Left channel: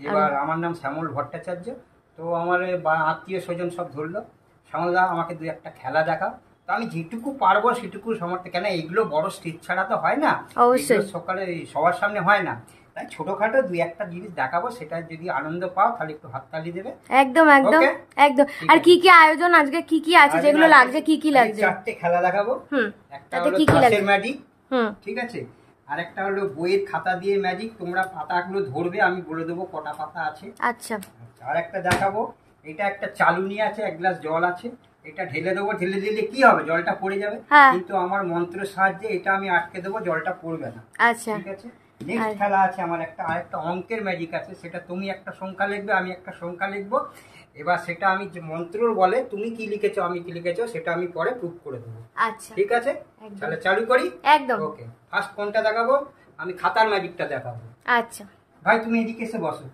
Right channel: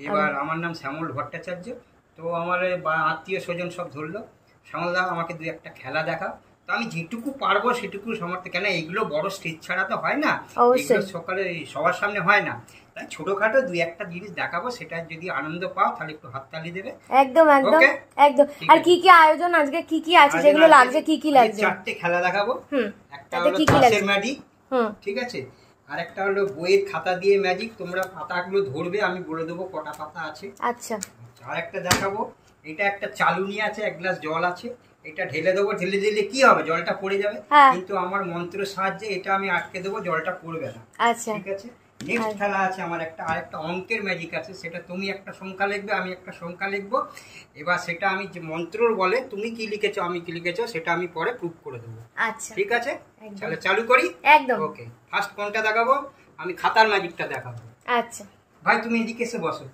এবার আমার নাম শ্যামল ভট্টাচার্য। তো আমার আত্মীয় স্বজন সব ধরলো, শ্যামলদা আমাকে দুই একটা খেলা দেখাও। তো আমি যেটুকু পারবো সেটুকু সামর্থ্য, কেন এইগুলো বড় স্টেজ ছাড়া তো হয় না, এগুলো সকালে সবার সামনে হয় না, তাই ছোটখাটো দুই একটা জিনিস দেখাবো, সেটা যদি আনন্দ পাও তাহলে একটু হাততালি দেবে। একদম একদম একদম। আর কি কি আয়োজন আজকে, কি কি আছে, যেগুলো লাগছে, কি কি লাগছে? চারটে খেলা দেখাবো। একটা তাতে হলো কি কি লাগছে? ম্যাজিক, ঠিক আছে, আর একটা হলো বইয়ের খাতা দিয়ে ম্যাজিক, তোমরা পাতাগুলো ধরবে, আমি বলে দেবো কটা পাতা আছে। আচ্ছা। আর একটা দেখাবো, এটা একটা চালুনি আছে, এক গ্লাস জল আছে, এটা ঢেলে দেবো, ঢেলে দিলে কি হবে, জলটা পড়ে যাবে, কিন্তু আমার মন্ত্রের সাহায্যে এটা আমি আটকে দেবো, জলটা পড়বে না। আচ্ছা, ঠিক আছে। নেক্সট খেলা আছে আমার একটা, আরেকটা অঙ্কের ম্যাজিক আছে, সেটা তুমি একটা সংখ্যা লিখবে, আমি একটা সংখ্যা লিখবো, এবার সেটা আমি যে মন্ত্রর বলে তুমি কি লিখেছো আমি কি লিখেছো সেটা আমি পরে প্রুফ করে দেবো। আচ্ছা, ঠিক আছে, তাহলে চালু করি। একদম। ওকে, ফার্স্ট কোনটা দেখাবো? আমি খাতার ম্যাজিকটা দেখাবো। আচ্ছা ভাই তুমি এদিকে এসে বসো।